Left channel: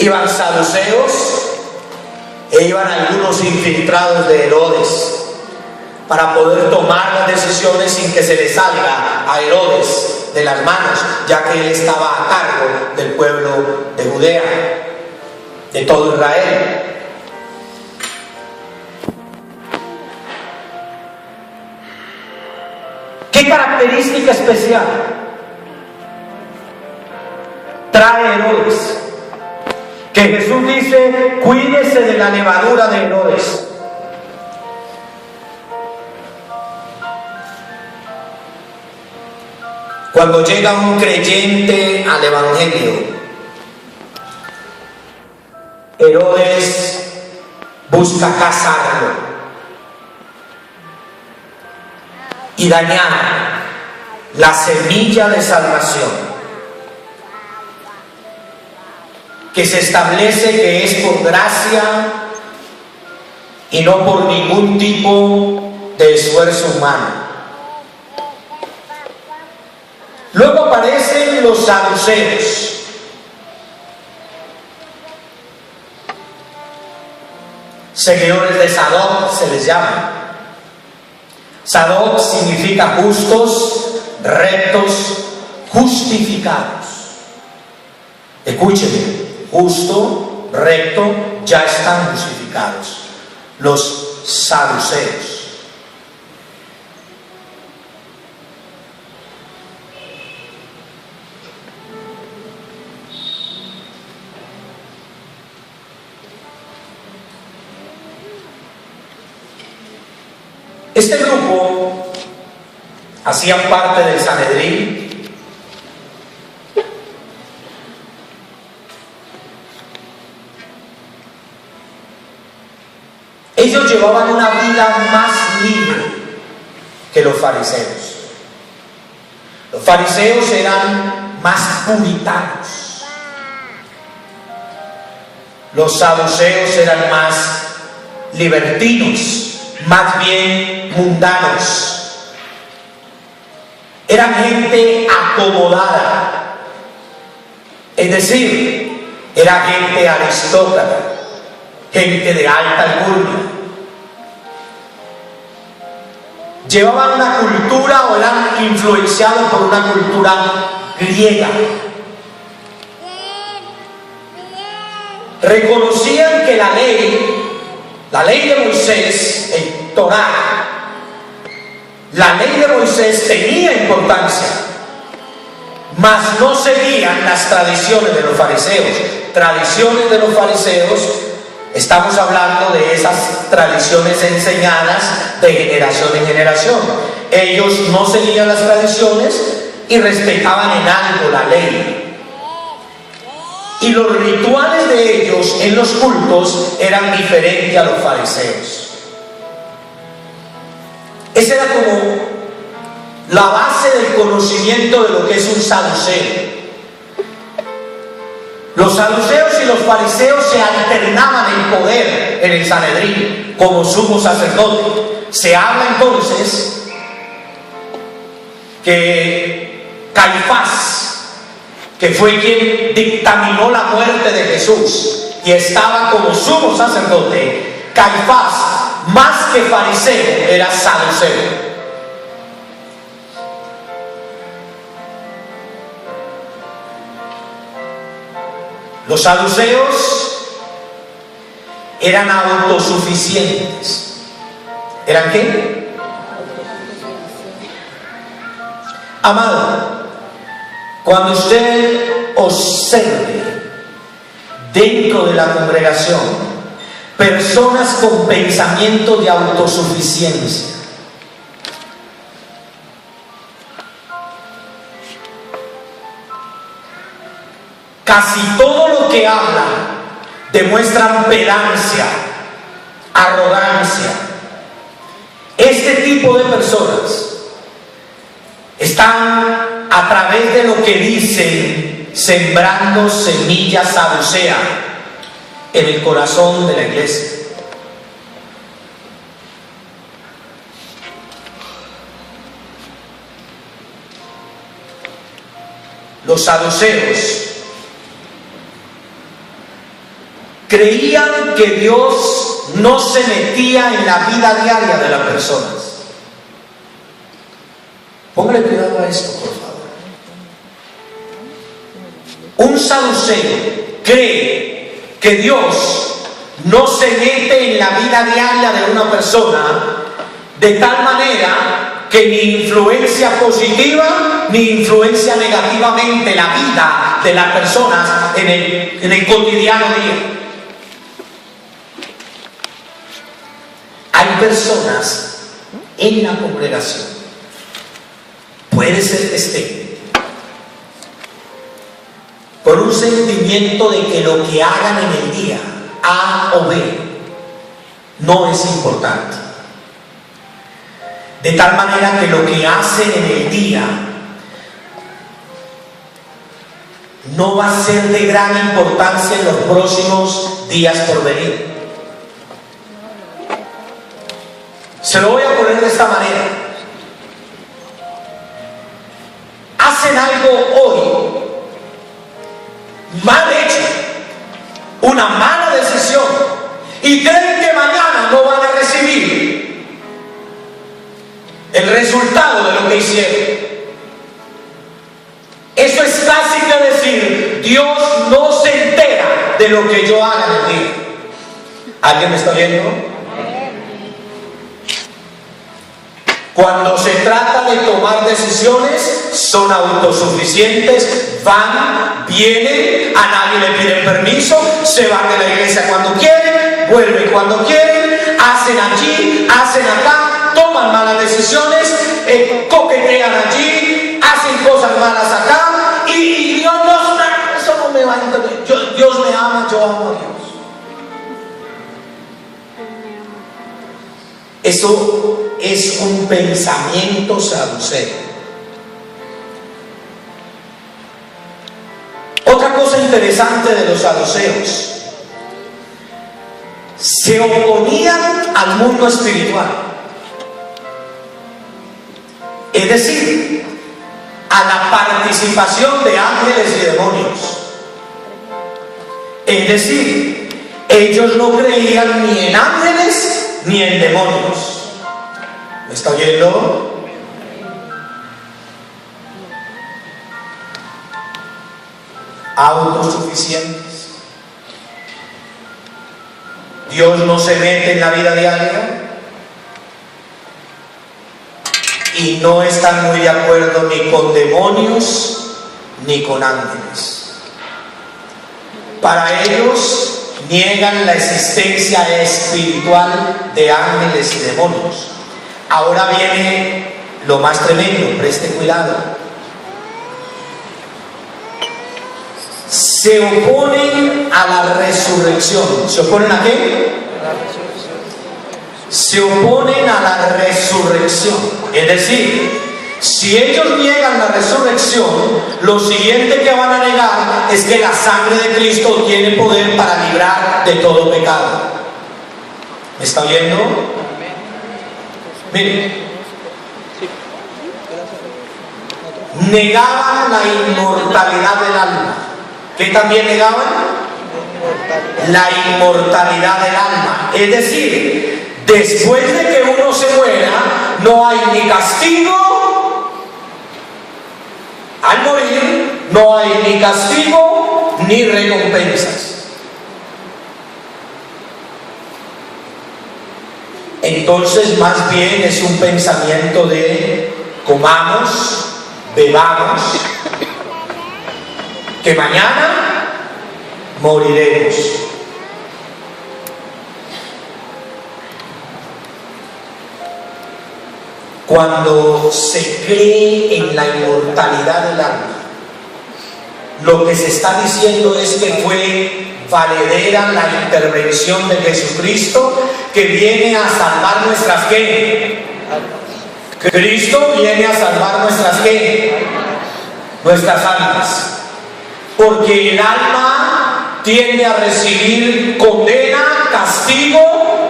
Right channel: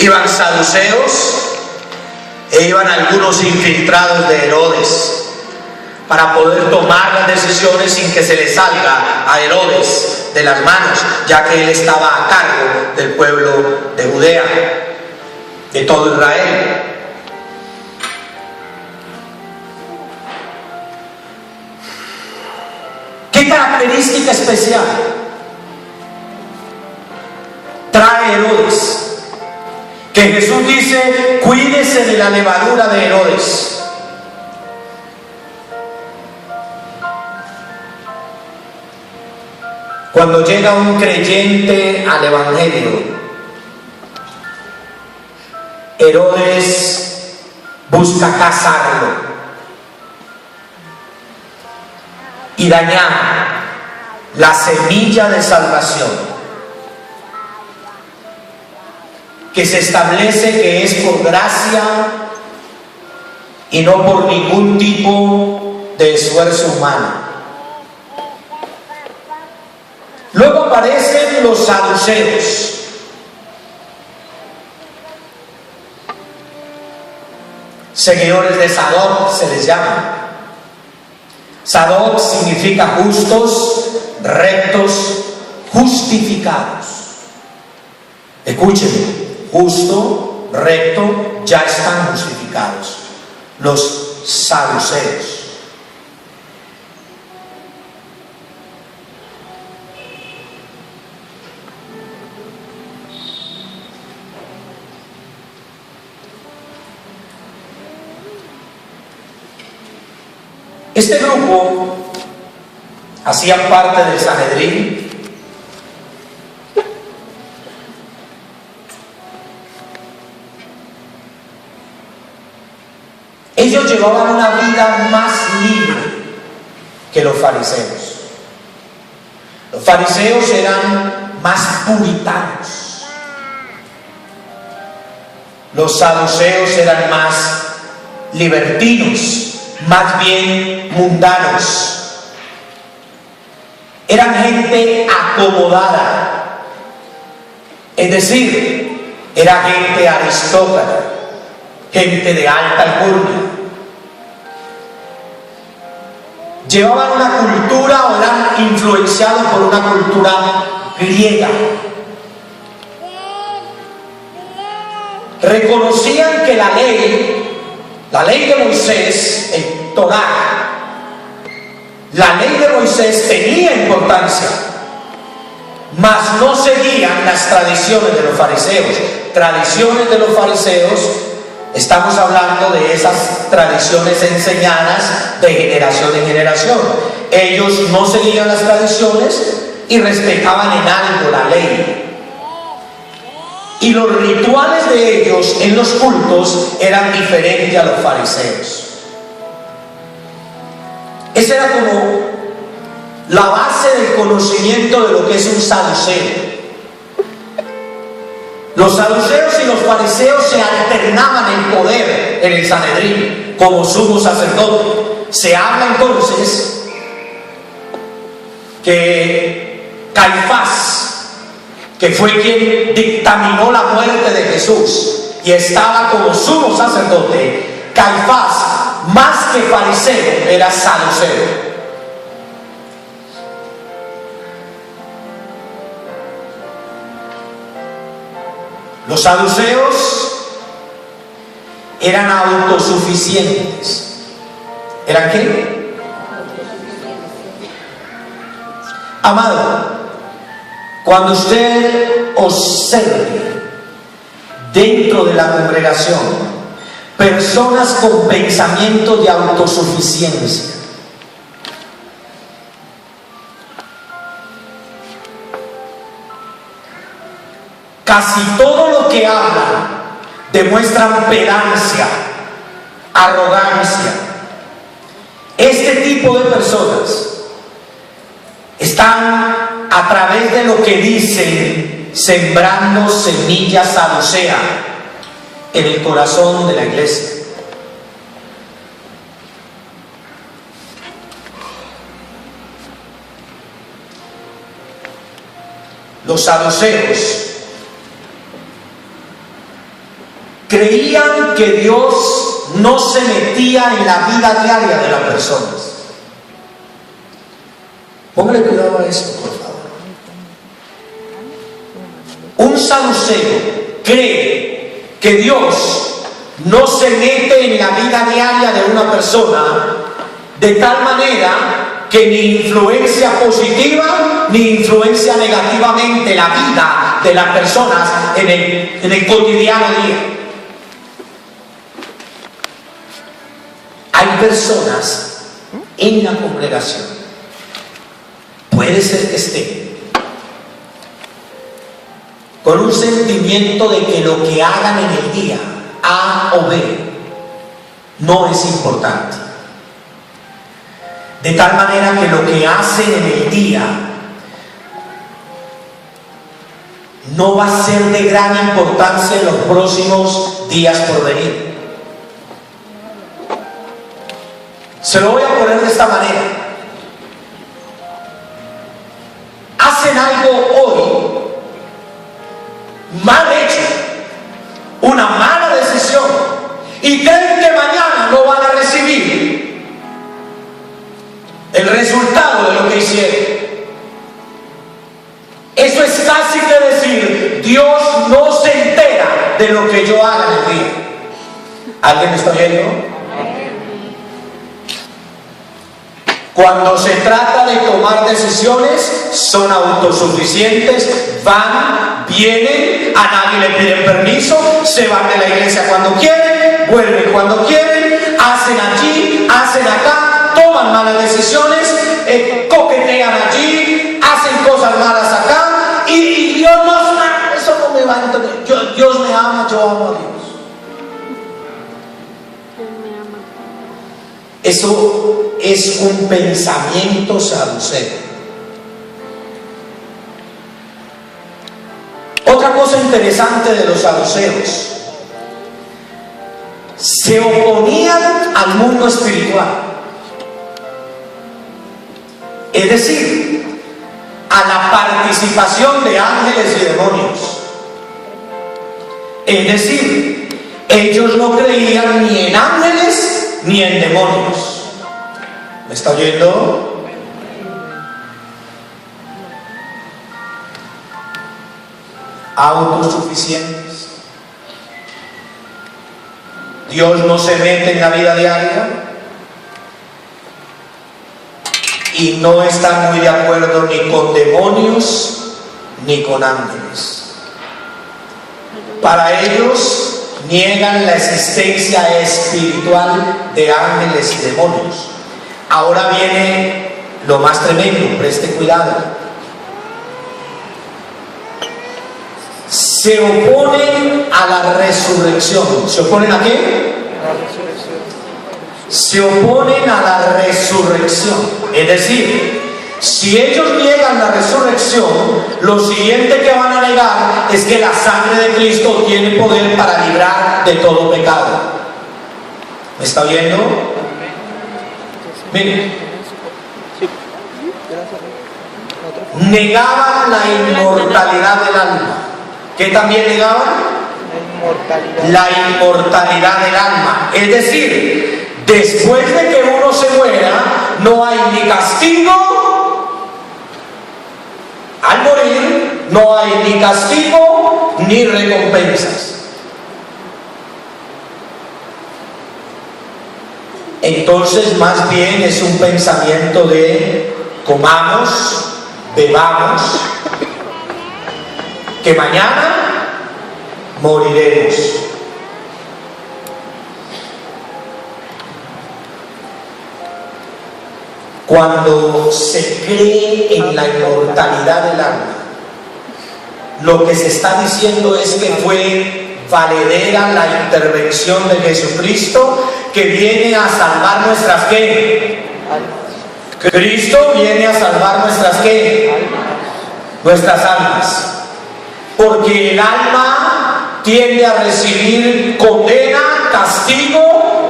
Iban saduceos e iban algunos infiltrados de Herodes para poder tomar las decisiones sin que se le salga a Herodes de las manos, ya que él estaba a cargo del pueblo de Judea, de todo Israel. ¿Qué característica especial trae Herodes? Que Jesús dice: cuídese de la levadura de Herodes. Cuando llega un creyente al Evangelio, Herodes busca cazarlo y dañar la semilla de salvación que se establece que es por gracia y no por ningún tipo de esfuerzo humano. Luego aparecen los saduceos. Seguidores de Sadoc se les llama. Sadoc significa justos, rectos, justificados. Escúchenme, justo, recto, ya están justificados. Los saduceos. Este grupo hacían parte del Sanedrín. Ellos llevaban una vida más libre que los fariseos. Los fariseos eran más puritanos. Los saduceos eran más libertinos, más bien mundanos. Eran gente acomodada, es decir, era gente aristócrata, gente de alta alcurnia. Llevaban una cultura o eran influenciados por una cultura griega. Reconocían que la ley de Moisés, el Torá, la ley de Moisés tenía importancia, mas no seguían las tradiciones de los fariseos. Tradiciones de los fariseos, estamos hablando de esas tradiciones enseñadas de generación en generación. Ellos no seguían las tradiciones y respetaban en algo la ley. Y los rituales de ellos en los cultos eran diferentes a los fariseos. Esa era como la base del conocimiento de lo que es un saduceo. Los saduceos y los fariseos se alternaban en poder en el Sanedrín como sumo sacerdote. Se habla entonces que Caifás, que fue quien dictaminó la muerte de Jesús y estaba como sumo sacerdote, Caifás, más que fariseo, era saduceo. Los saduceos eran autosuficientes. ¿Eran qué? Amado, cuando usted observe dentro de la congregación personas con pensamiento de autosuficiencia, casi todo lo que hablan demuestran pedancia, arrogancia. Este tipo de personas están, a través de lo que dicen, sembrando semillas saduceas en el corazón de la iglesia. Los saduceos creían que Dios no se metía en la vida diaria de las personas. Póngale cuidado a esto, por favor. Un saduceo cree que Dios no se mete en la vida diaria de una persona de tal manera que ni influencia positiva ni influencia negativamente la vida de las personas en el cotidiano día. Hay personas en la congregación, puede ser que estén con un sentimiento de que lo que hagan en el día, A o B, no es importante. De tal manera que lo que hacen en el día no va a ser de gran importancia en los próximos días por venir. Se lo voy a poner de esta manera. Hacen algo hoy mal hecho, una mala decisión, y creen que mañana no van a recibir el resultado de lo que hicieron. Eso es casi que decir: Dios no se entera de lo que yo haga en el día. ¿Alguien me está viendo? Cuando se trata de tomar decisiones, son autosuficientes, van, vienen, a nadie le piden permiso, se van de la iglesia cuando quieren, vuelven cuando quieren, hacen allí, hacen acá, toman malas decisiones, coquetean allí, hacen cosas malas acá, y Dios no, eso no me va a entender. Dios me ama, yo amo a Dios. Eso es un pensamiento saduceo. Otra cosa interesante de los saduceos: se oponían al mundo espiritual, es decir, a la participación de ángeles y demonios. Es decir, ellos no creían ni en ángeles ni en demonios. ¿Me está oyendo? Autosuficientes. Dios no se mete en la vida diaria y no están muy de acuerdo ni con demonios ni con ángeles. Para ellos niegan la existencia espiritual de ángeles y demonios. Ahora viene lo más tremendo, preste cuidado. Se oponen a la resurrección. ¿Se oponen a qué? Se oponen a la resurrección. Es decir, si ellos niegan la resurrección, lo siguiente que van a negar es que la sangre de Cristo tiene poder para librar de todo pecado. ¿Me está oyendo? Miren, negaban la inmortalidad del alma. ¿Qué también negaban? La inmortalidad del alma. Es decir, después de que uno se muera, no hay ni castigo. Al morir, no hay ni castigo ni recompensas. Entonces, más bien es un pensamiento de comamos, bebamos, que mañana moriremos. Cuando se cree en la inmortalidad del alma, lo que se está diciendo es que fue valedera la intervención de Jesucristo, que viene a salvar nuestras ¿qué? Cristo viene a salvar nuestras ¿qué? Nuestras almas. Porque el alma tiende a recibir condena, castigo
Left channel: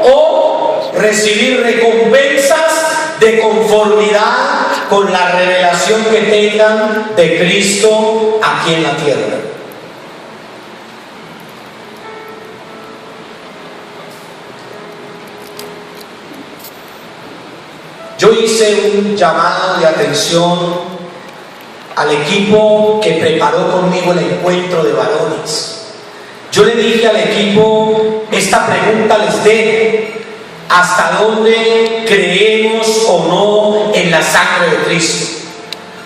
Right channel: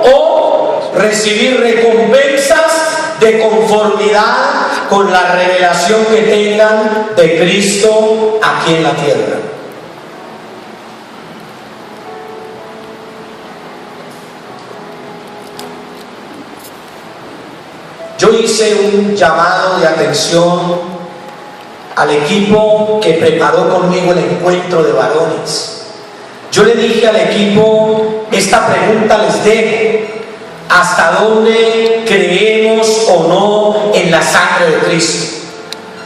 o recibir recompensas de conformidad con la revelación que tengan de Cristo aquí en la tierra. Yo hice un llamado de atención al equipo que preparó conmigo el encuentro de varones. Yo le dije al equipo, esta pregunta les dejo: ¿hasta dónde creemos o no en la sangre de Cristo?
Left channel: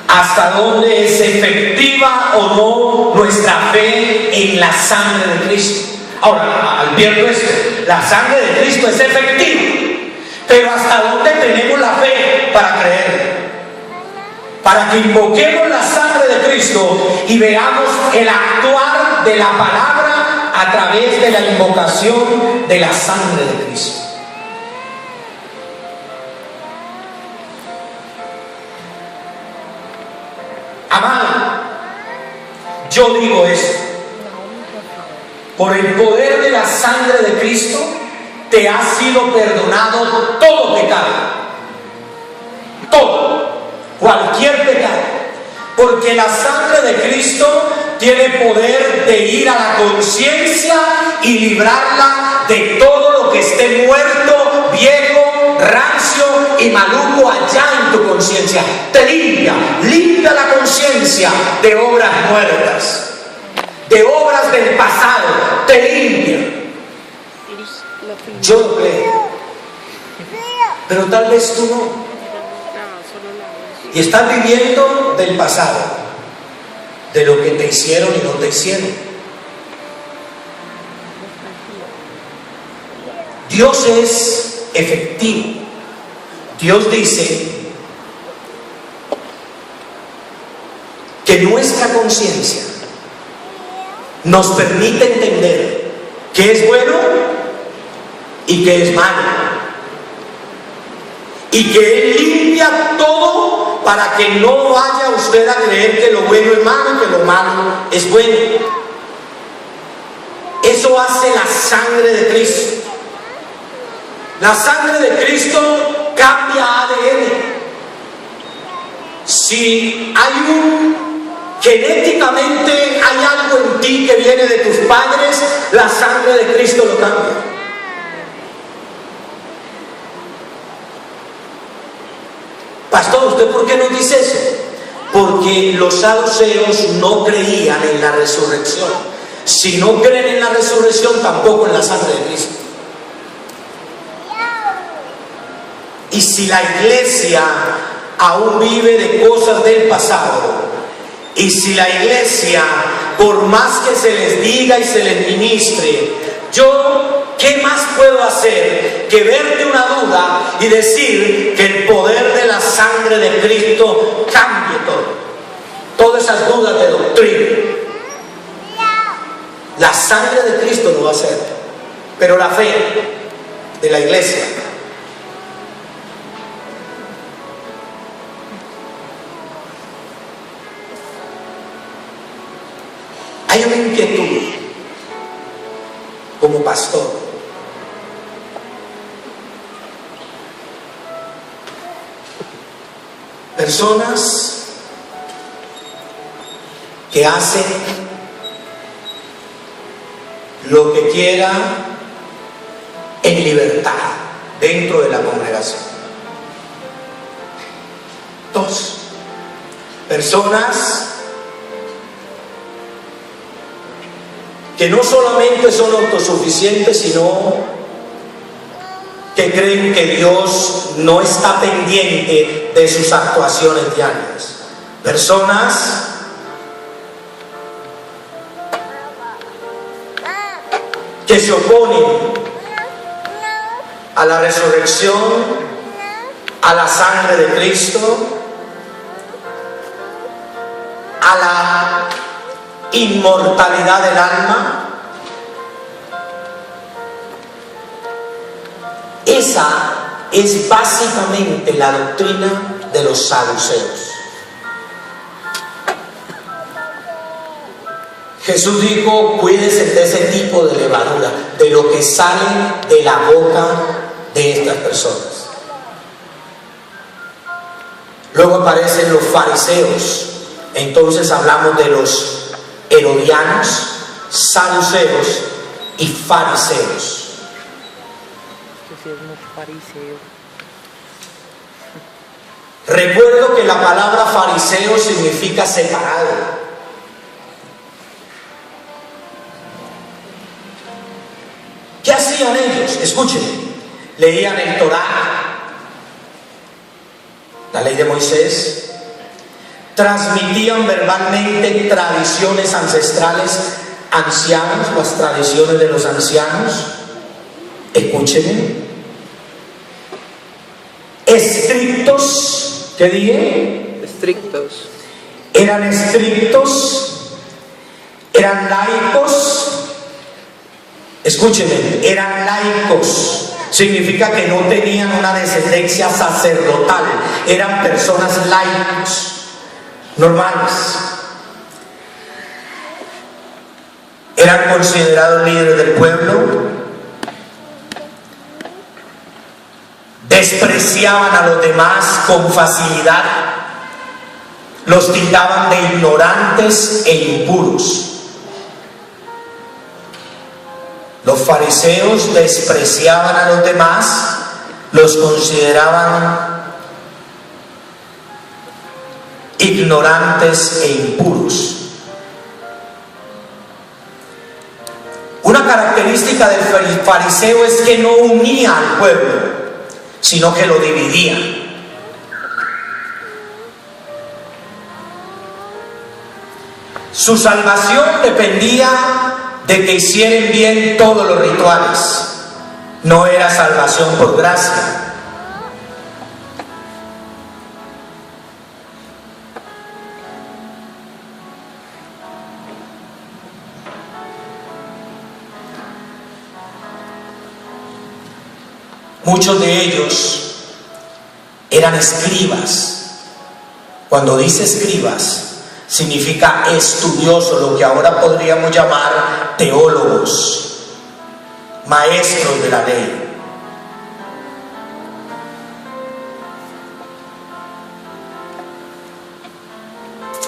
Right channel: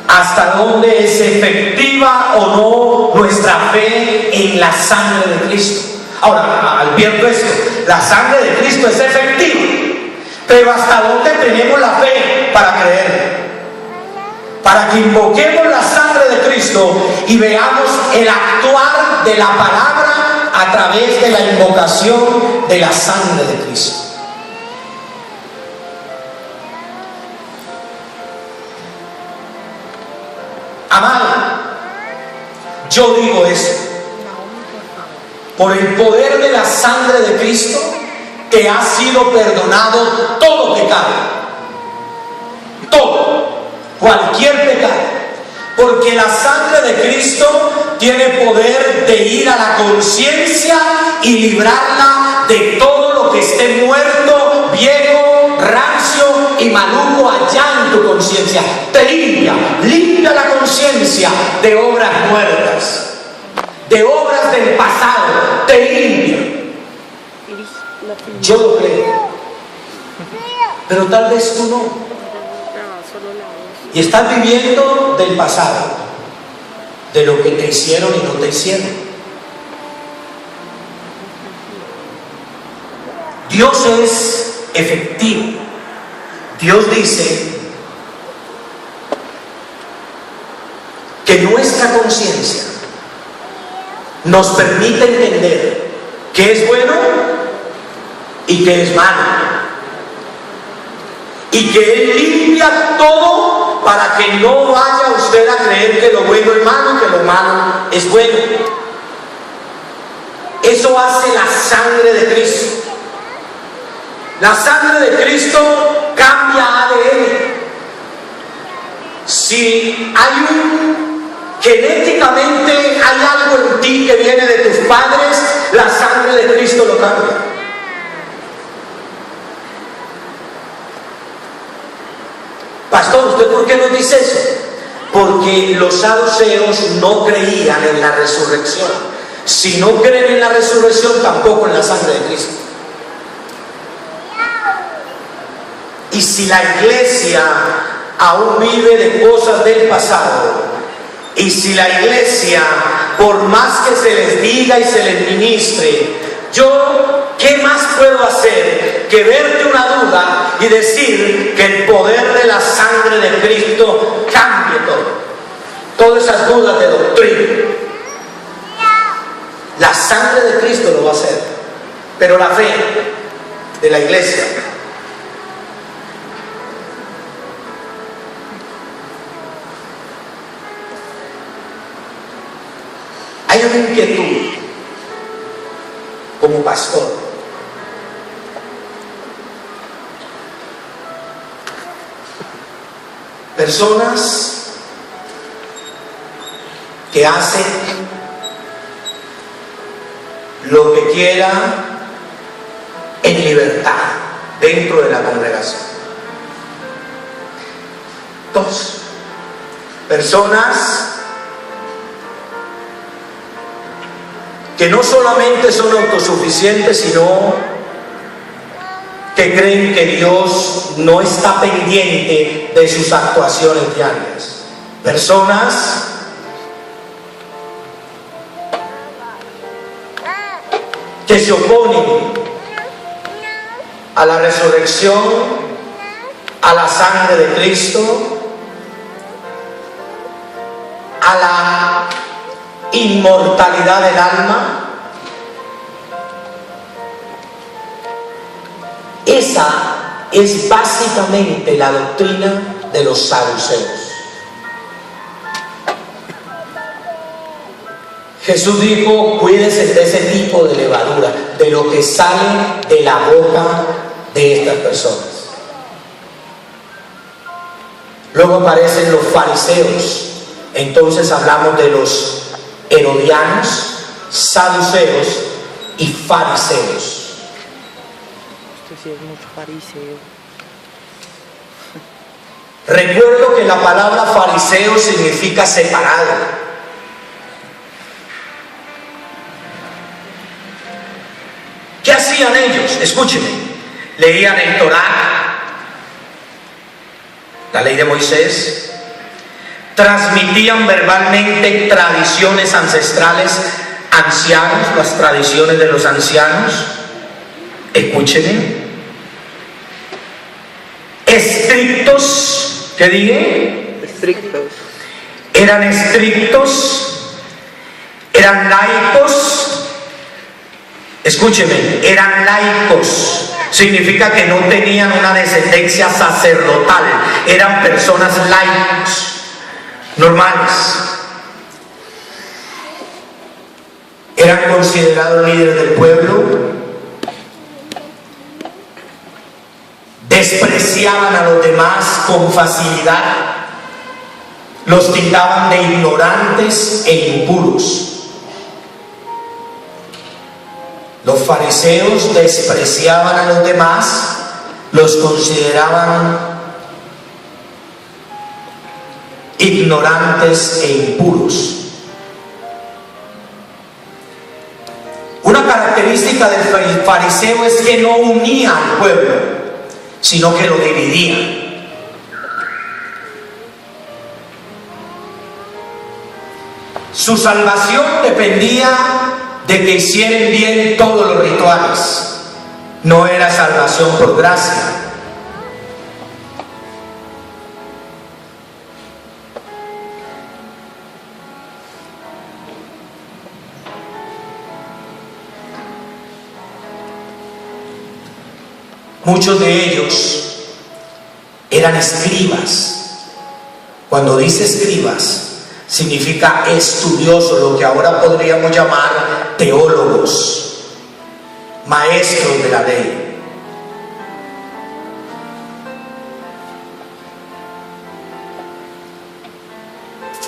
¿Hasta dónde es efectiva o no nuestra fe en la sangre de Cristo? Ahora, advierto esto: la sangre de Cristo es efectiva, pero ¿hasta dónde tenemos la fe para creer? Para que invoquemos la sangre de Cristo y veamos el actuar de la palabra a través de la invocación de la sangre de Cristo. Amado, yo digo esto: por el poder de la sangre de Cristo te ha sido perdonado todo pecado, todo, cualquier pecado, porque la sangre de Cristo tiene poder de ir a la conciencia y librarla de todo lo que esté muerto, viejo, rancio y maluco allá en tu conciencia. Te limpia la conciencia de obras muertas, de obras del pasado, te limpia. Yo lo creo, pero tal vez tú no, y estás viviendo del pasado, de lo que te hicieron y no te hicieron. Dios es efectivo. Dios dice que nuestra conciencia nos permite entender qué es bueno y qué es malo, y que Él limpia todo para que no vaya usted a creer que lo bueno es malo y que lo malo es bueno. Eso hace la sangre de Cristo. La sangre de Cristo cambia ADN. Si genéticamente hay algo en ti que viene de tus padres, la sangre de Cristo lo cambia. Pastor, ¿usted por qué nos dice eso? Porque los saduceos no creían en la resurrección. Si no creen en la resurrección, tampoco en la sangre de Cristo. Y si la iglesia aún vive de cosas del pasado, y si la iglesia, por más que se les diga y se les ministre, yo, ¿qué más puedo hacer que verte una duda y decir que el poder de la sangre de Cristo cambie todo? Todas esas dudas de doctrina. La sangre de Cristo lo va a hacer, pero la fe de la iglesia. Hay una inquietud como pastor. Personas que hacen lo que quiera en libertad dentro de la congregación. Dos, personas que no solamente son autosuficientes, sino que creen que Dios no está pendiente de sus actuaciones diarias. Personas que se oponen a la resurrección, a la sangre de Cristo, a la inmortalidad del alma. Esa es básicamente la doctrina de los saduceos. Jesús dijo: cuídense de ese tipo de levadura, de lo que sale de la boca de estas personas. Luego aparecen los fariseos. Entonces hablamos de los herodianos, saduceos y fariseos. Este sí es mucho fariseo. Recuerdo que la palabra fariseo significa separado. ¿Qué hacían ellos? Escúchenme. Leían el Torá, la ley de Moisés, transmitían verbalmente tradiciones ancestrales, ancianos, las tradiciones de los ancianos. Escúchenme. Estrictos, ¿qué dije? Estrictos. Eran estrictos, eran laicos. Escúcheme, eran laicos. Significa que no tenían una descendencia sacerdotal, eran personas laicos, normales. Eran considerados líderes del pueblo, despreciaban a los demás con facilidad, los tildaban de ignorantes e impuros. Los fariseos despreciaban a los demás, los consideraban ignorantes e impuros. Una característica del fariseo es que no unía al pueblo, sino que lo dividía. Su salvación dependía de que hicieran bien todos los rituales. No era salvación por gracia. Muchos de ellos eran escribas. Cuando dice escribas, significa estudioso, lo que ahora podríamos llamar teólogos, maestros de la ley.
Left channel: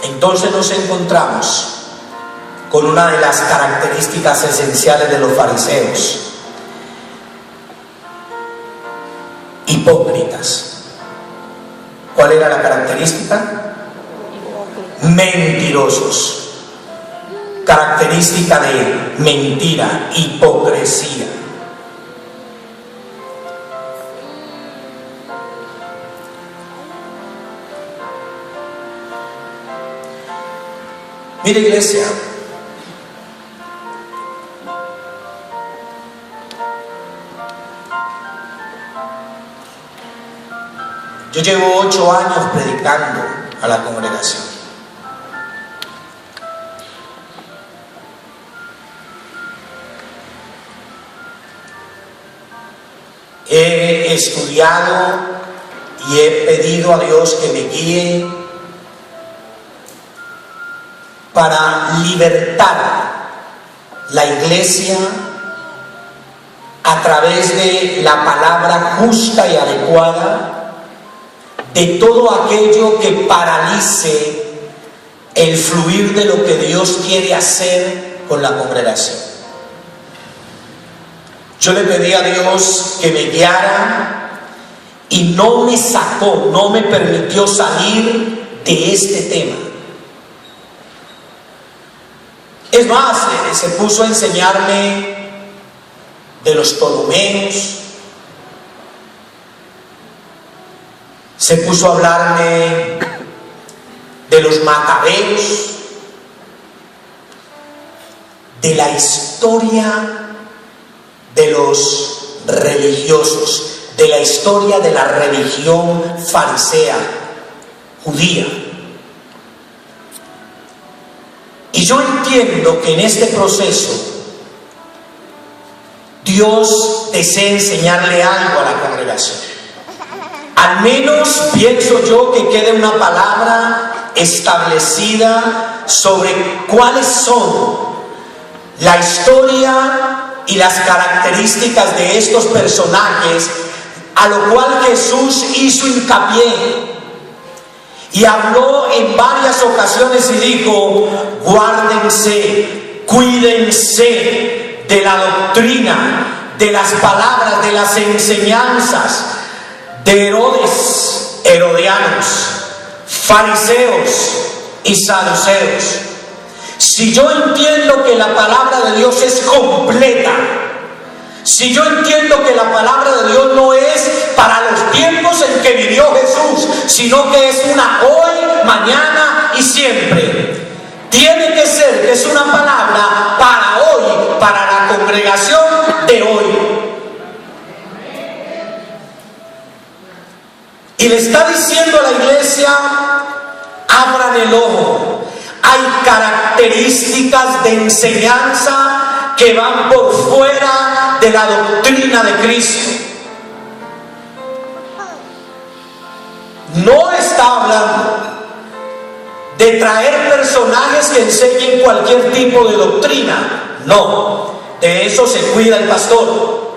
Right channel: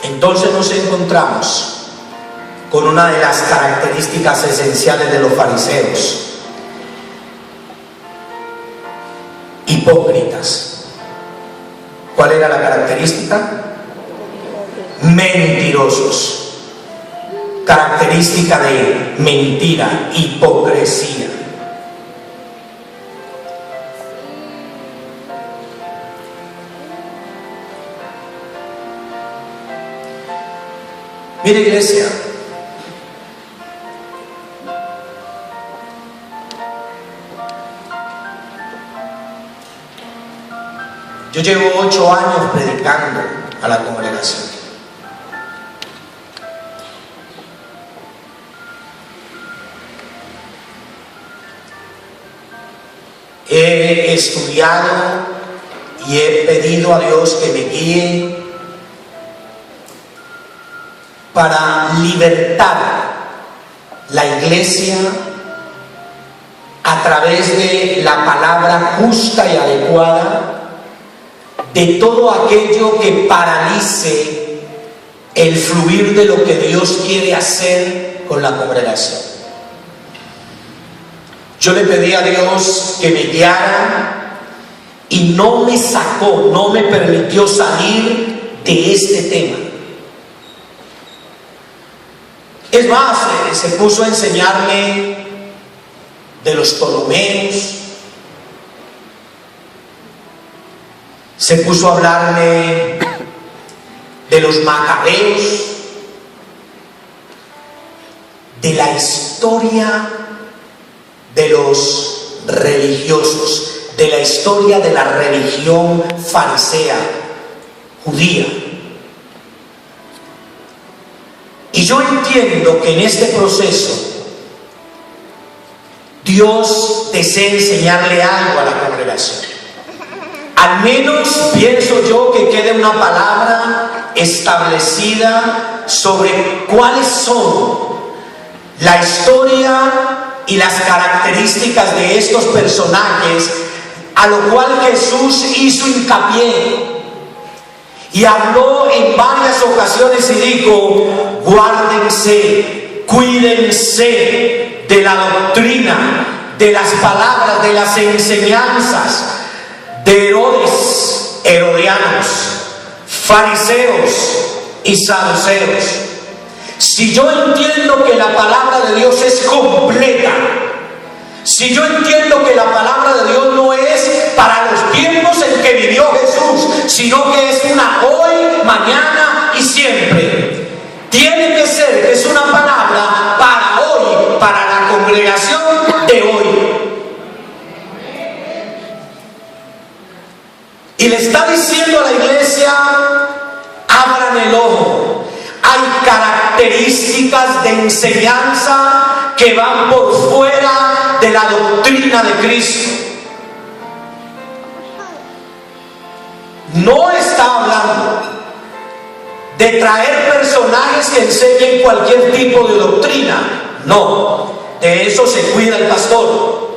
Entonces nos encontramos con una de las características esenciales de los fariseos: hipócritas. ¿Cuál era la característica? Mentirosos. Característica de mentira, hipocresía. Mira, iglesia, yo llevo 8 años predicando a la congregación. He estudiado y he pedido a Dios que me guíe para libertar la iglesia a través de la palabra justa y adecuada de todo aquello que paralice el fluir de lo que Dios quiere hacer con la congregación. Yo le pedí a Dios que me guiara y no me sacó, no me permitió salir de este tema. Es más, se puso a enseñarme de los Ptolomeos, se puso a hablarme de los Macabeos, de la historia de los religiosos, de la historia de la religión farisea, judía. Y yo entiendo que en este proceso Dios desea enseñarle algo a la congregación. Al menos pienso yo que quede una palabra establecida sobre cuáles son la historia y las características de estos personajes, a lo cual Jesús hizo hincapié y habló en varias ocasiones y dijo: guárdense, cuídense de la doctrina, de las palabras, de las enseñanzas de Herodes, herodianos. fariseos y saduceos. Si yo entiendo que la palabra de Dios es completa, si yo entiendo que la palabra de Dios no es para los tiempos en que vivió Jesús, sino que es una hoy, mañana y siempre, tiene que ser que es una palabra para hoy, para la congregación de hoy. Y le está diciendo a la iglesia: abran el ojo. Hay características de enseñanza que van por fuera de la doctrina de Cristo. No está hablando de traer personajes que enseñen cualquier tipo de doctrina. No, de eso se cuida el pastor.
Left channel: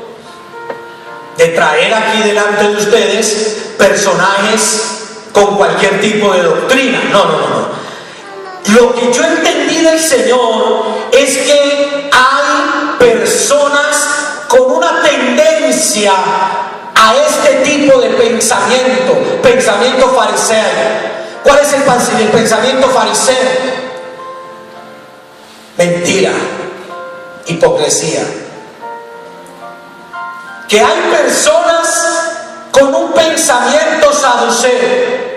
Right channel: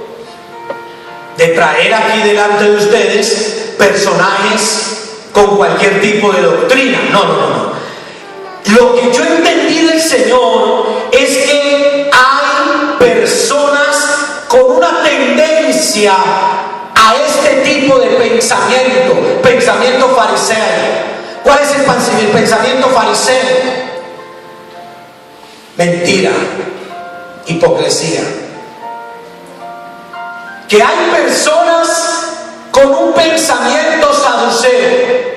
De traer aquí delante de ustedes personajes con cualquier tipo de doctrina. No. Lo que yo entendí del Señor es que hay personas con una tendencia a este tipo de pensamiento fariseo. ¿Cuál es el pensamiento fariseo? Mentira, hipocresía. Que hay personas con un pensamiento saduceo,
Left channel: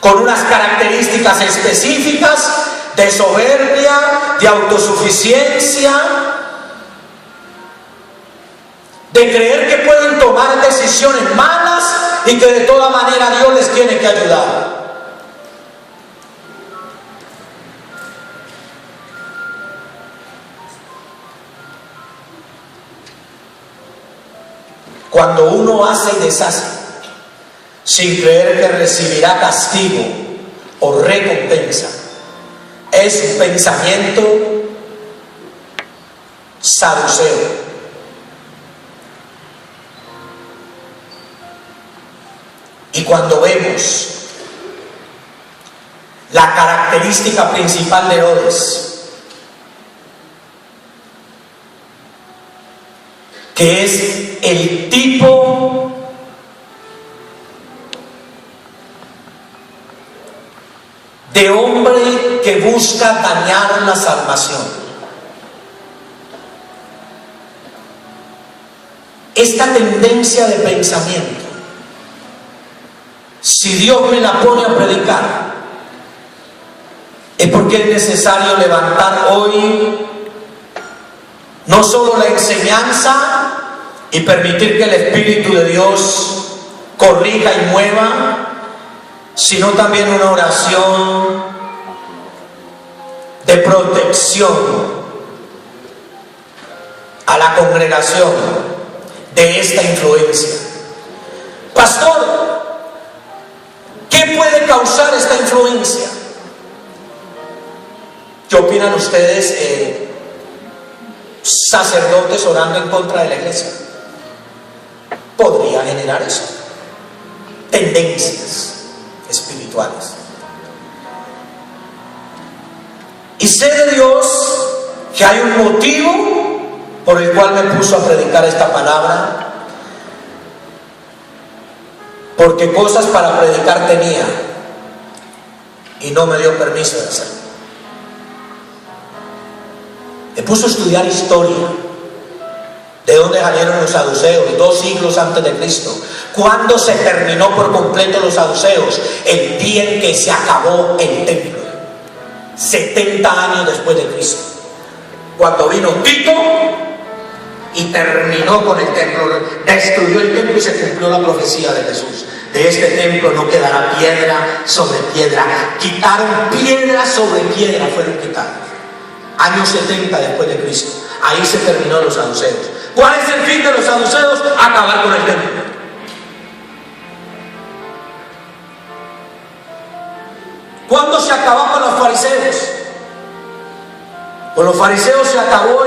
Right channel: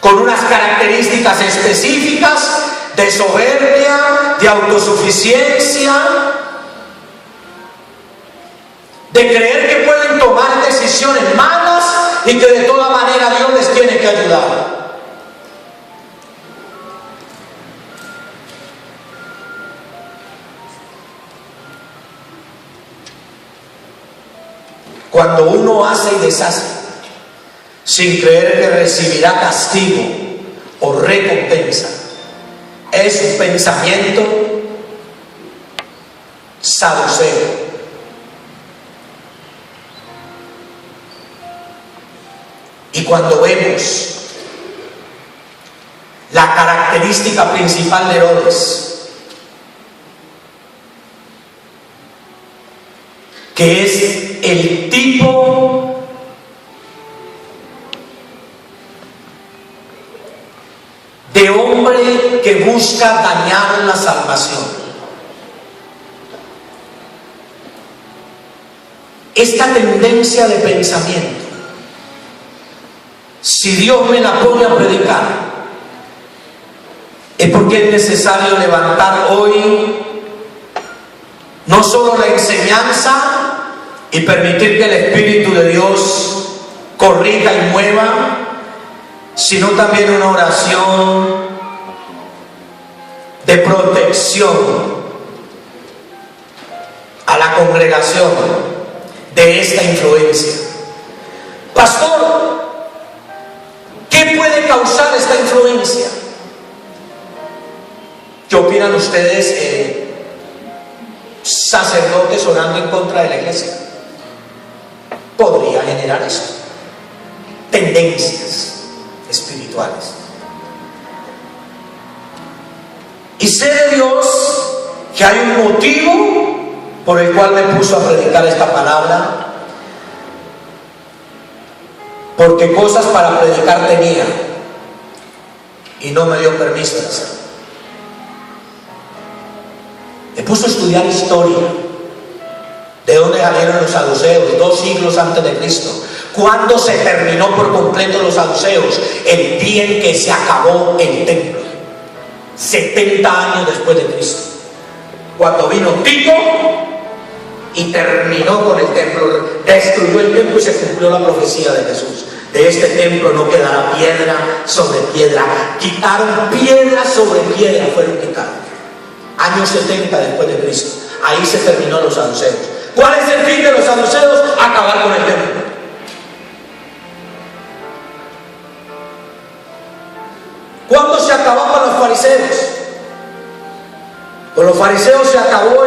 con unas características específicas de soberbia, de autosuficiencia, de creer que pueden tomar decisiones malas y que de toda manera Dios les tiene que ayudar. Cuando uno hace y deshace sin creer que recibirá castigo o recompensa, es un pensamiento saduceo. Y cuando vemos la característica principal de Herodes, que es el tipo de hombre que busca dañar la salvación. Esta tendencia de pensamiento, si Dios me la pone a predicar, es porque es necesario levantar hoy no solo la enseñanza y permitir que el Espíritu de Dios corrija y mueva, sino también una oración de protección a la congregación de esta influencia. Pastor, ¿qué puede causar esta influencia? ¿Qué opinan ustedes, sacerdotes orando en contra de la iglesia? Podría generar eso, tendencias espirituales. Y sé de Dios que hay un motivo por el cual me puso a predicar esta palabra, porque cosas para predicar tenía y no me dio permiso de hacerlo. Me puso a estudiar historia, de dónde salieron los saduceos, 2 siglos antes de Cristo. ¿Cuándo se terminó por completo los saduceos? El día en que se acabó el templo, 70 años después de Cristo, cuando vino Tito y terminó con el templo, destruyó el templo y se cumplió la profecía de Jesús. De este templo no quedará piedra sobre piedra. Quitaron piedra sobre piedra, fueron quitados. Años 70 después de Cristo. Ahí se terminó los saduceos. ¿Cuál es el fin de los saduceos? Acabar con el templo. ¿Cuándo se acabó con los fariseos? Con los fariseos se acabó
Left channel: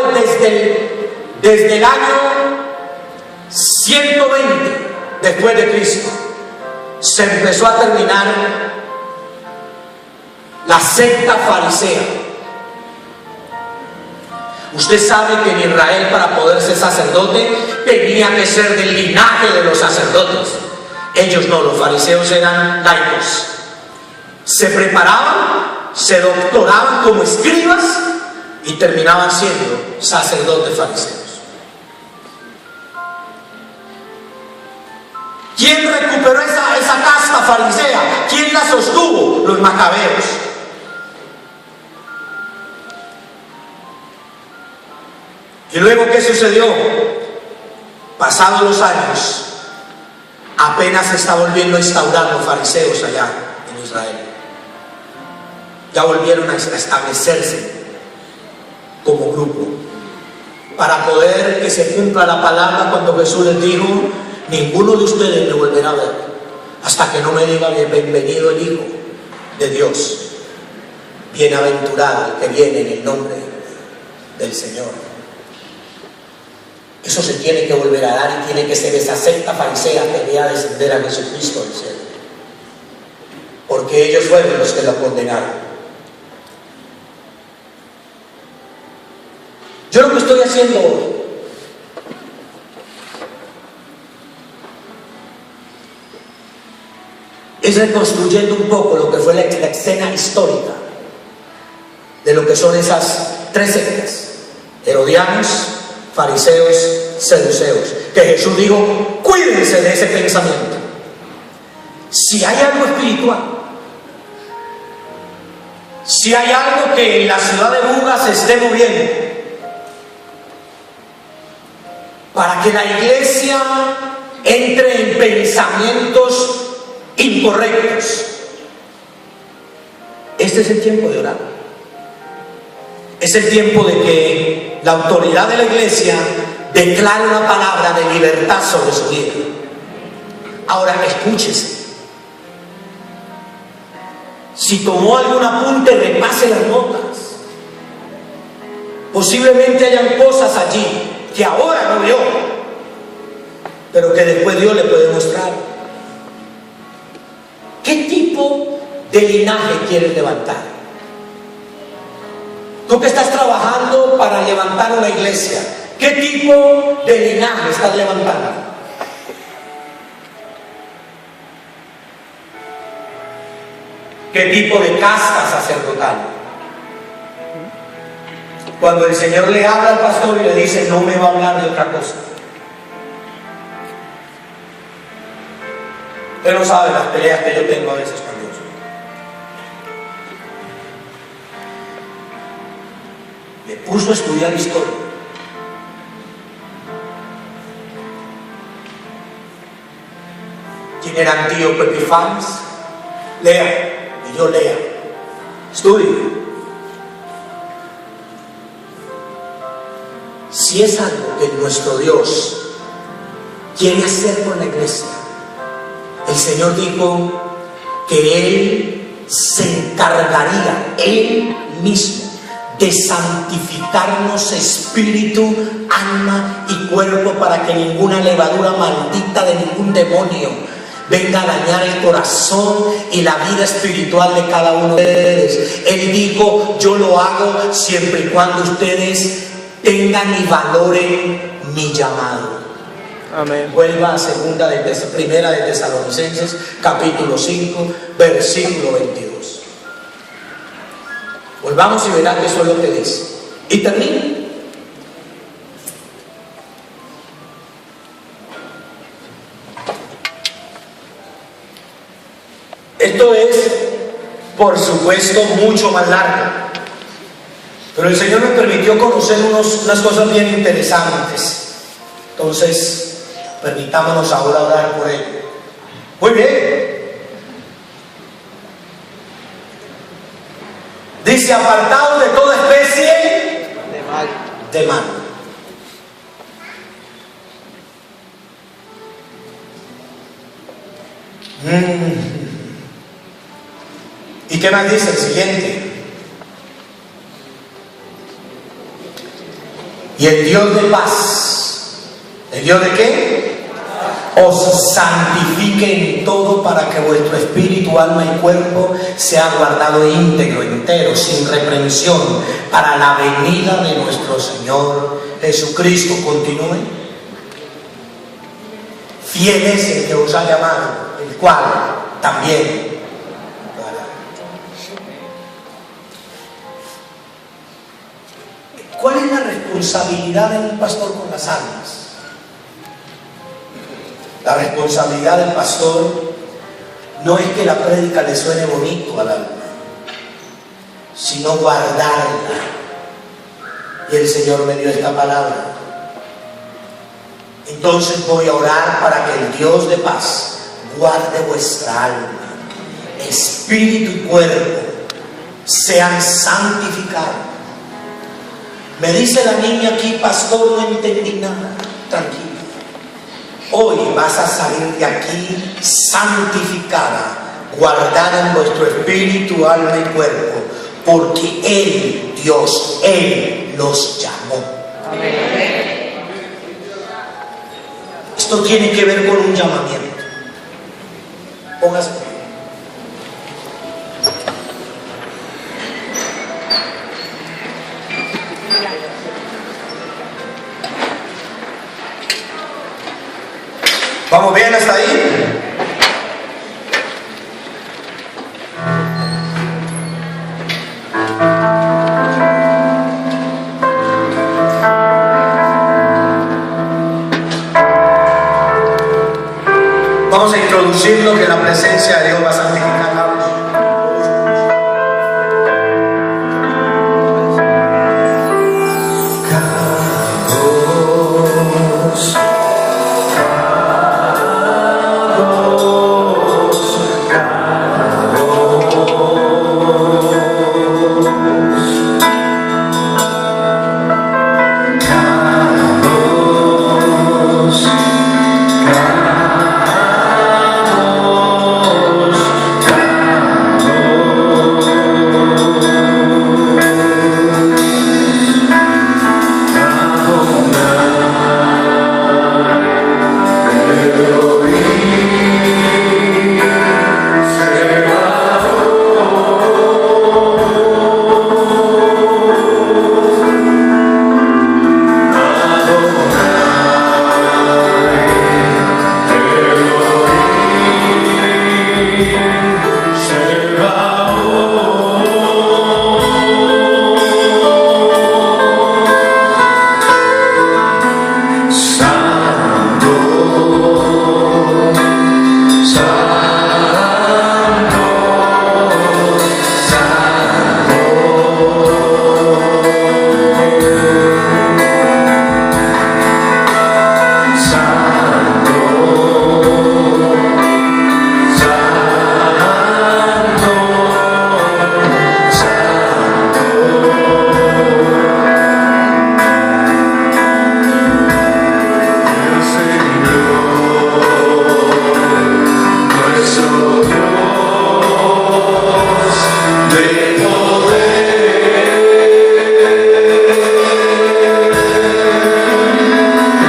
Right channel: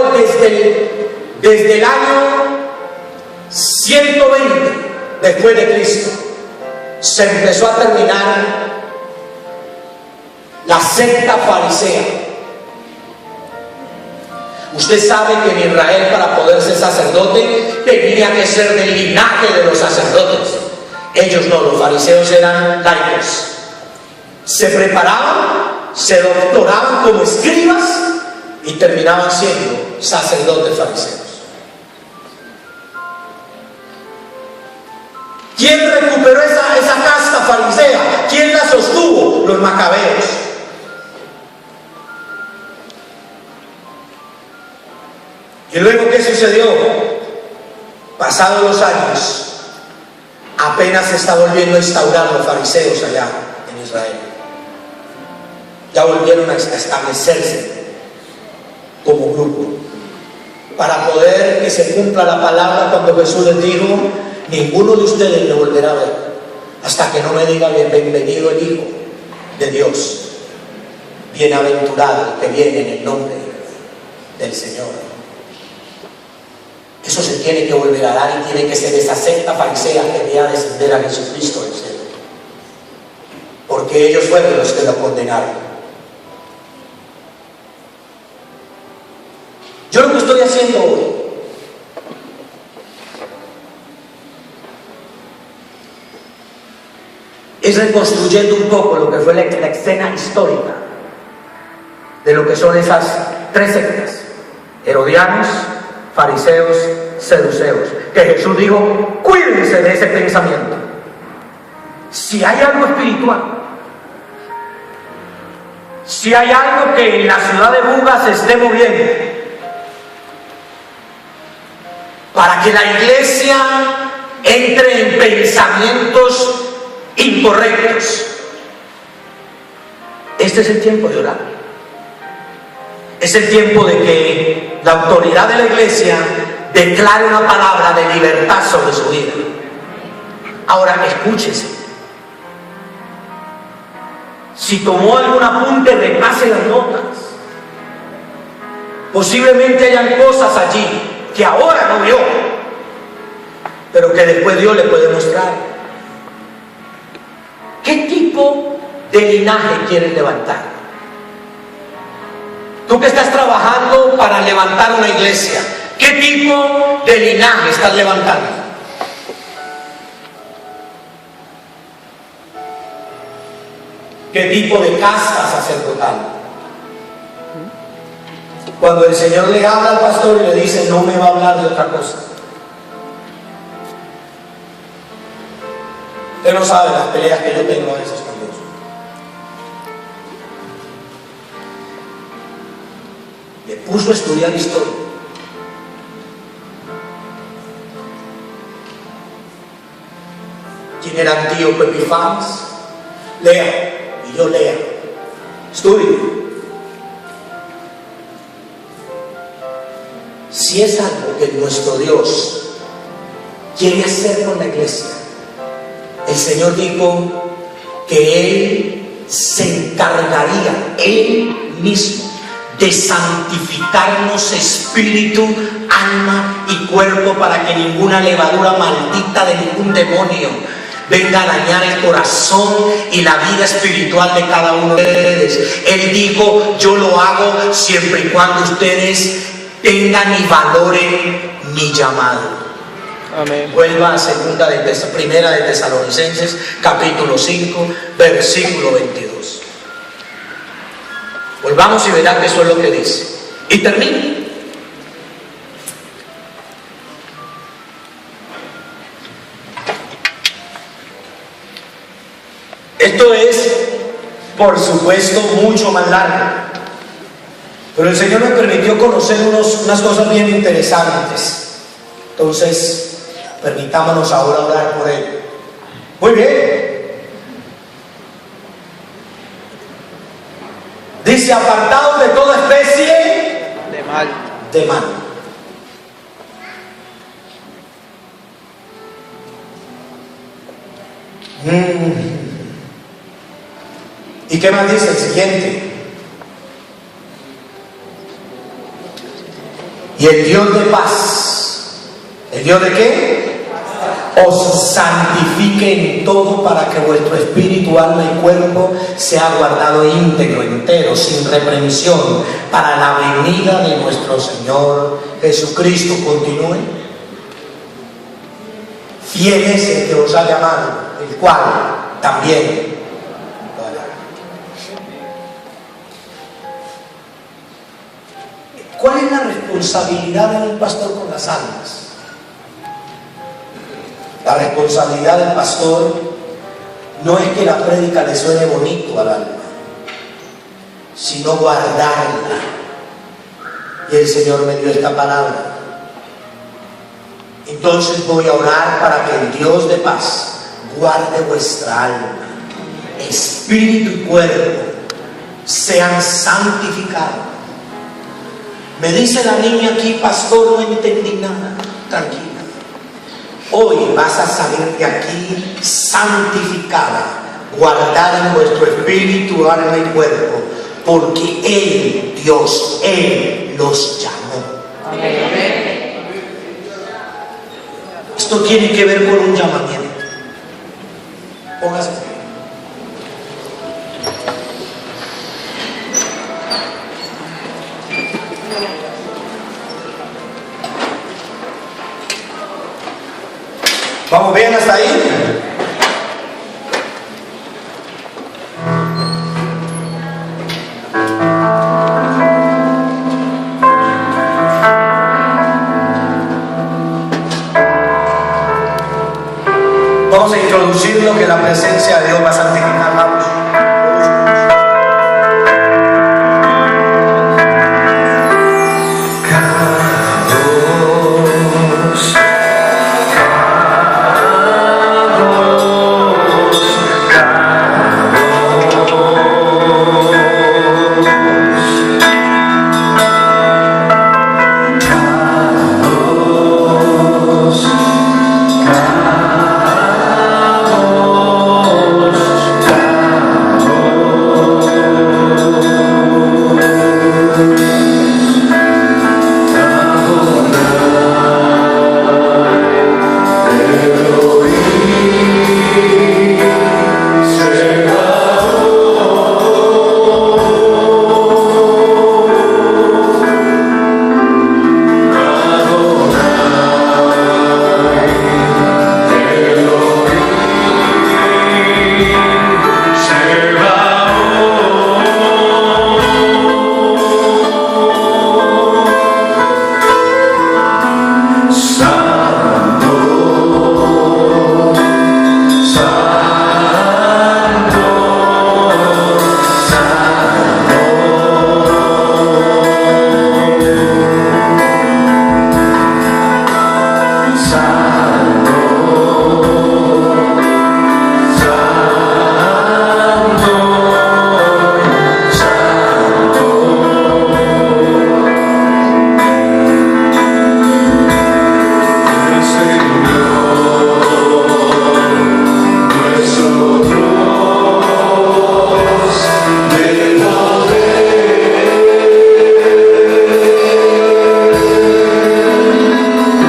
desde el año 120 después de Cristo. Se empezó a terminar la secta farisea. Usted sabe que en Israel, para poder ser sacerdote, tenía que ser del linaje de los sacerdotes. Ellos no, los fariseos eran laicos. Se preparaban, se doctoraban como escribas y terminaban siendo sacerdotes fariseos. ¿Quién recuperó esa casta farisea? ¿Quién la sostuvo? Los macabeos. ¿Y luego qué sucedió? Pasados los años, apenas se está volviendo a instaurar los fariseos allá en Israel. Ya volvieron a establecerse como grupo para poder que se cumpla la palabra cuando Jesús les dijo: ninguno de ustedes me volverá a ver hasta que no me diga bienvenido el Hijo de Dios, bienaventurado el que viene en el nombre del Señor. Eso se tiene que volver a dar y tiene que ser esa secta farisea que vea descender a Jesucristo del cielo, porque ellos fueron los que lo condenaron. Yo lo que estoy haciendo hoy es reconstruyendo un poco lo que fue la escena histórica de lo que son esas tres sectas: herodianos, fariseos, saduceos, que Jesús dijo: cuídense de ese pensamiento. Si hay algo espiritual, si hay algo que en la ciudad de Buga se esté moviendo para que la iglesia entre en pensamientos incorrectos, este es el tiempo de orar. Es el tiempo de que la autoridad de la iglesia declare una palabra de libertad sobre su vida. Ahora escúchese. Si tomó algún apunte, repase las notas. Posiblemente hayan cosas allí que ahora no vio, pero que después Dios le puede mostrar. ¿Qué tipo de linaje quieres levantar? Tú que estás trabajando para levantar una iglesia, ¿qué tipo de linaje estás levantando? ¿Qué tipo de casta sacerdotal? Cuando el Señor le habla al pastor y le dice: no me va a hablar de otra cosa. Usted no sabe las peleas que yo tengo a veces con Dios. Le puso a estudiar historia. ¿Quién era Antíoco Epifanes? Lea, y yo lea. Estudie. Si es algo que nuestro Dios quiere hacer con la iglesia, el Señor dijo que Él se encargaría Él mismo de santificarnos espíritu, alma y cuerpo, para que ninguna levadura maldita de ningún demonio venga a dañar el corazón y la vida espiritual de cada uno de ustedes. Él dijo: yo lo hago siempre y cuando ustedes tengan y valoren mi llamado. Amén. Vuelva a Primera de Tesalonicenses, capítulo 5, versículo 22. Volvamos y verá que eso es lo que dice. Y termino. Esto es, por supuesto, mucho más largo, pero el Señor me permitió conocer unas cosas bien interesantes. Entonces, permitámonos ahora orar por Él. Muy bien. Dice: apartados de toda especie de mal. ¿Y qué más dice el siguiente? Y el Dios de paz, ¿el Dios de qué? Os santifique en todo, para que vuestro espíritu, alma y cuerpo sea guardado íntegro, entero, sin reprensión, para la venida de nuestro Señor Jesucristo. Continúe. Fiel es el que os ha llamado el cual también. ¿Cuál es la responsabilidad de un pastor con las almas? La responsabilidad del pastor no es que la prédica le suene bonito al alma, sino guardarla. Y el Señor me dio esta palabra. Entonces voy a orar para que el Dios de paz guarde vuestra alma, espíritu y cuerpo sean santificados. Me dice la niña aquí, pastor, no entendí nada. Tranquila. Hoy vas a salir de aquí santificada, guardada en vuestro espíritu, alma y cuerpo, porque Él, Dios, Él nos llamó. Amén. Esto tiene que ver con un llamamiento. Póngase. ¿Vamos bien hasta ahí? Vamos a introducir lo que la presencia de Dios va a santificar.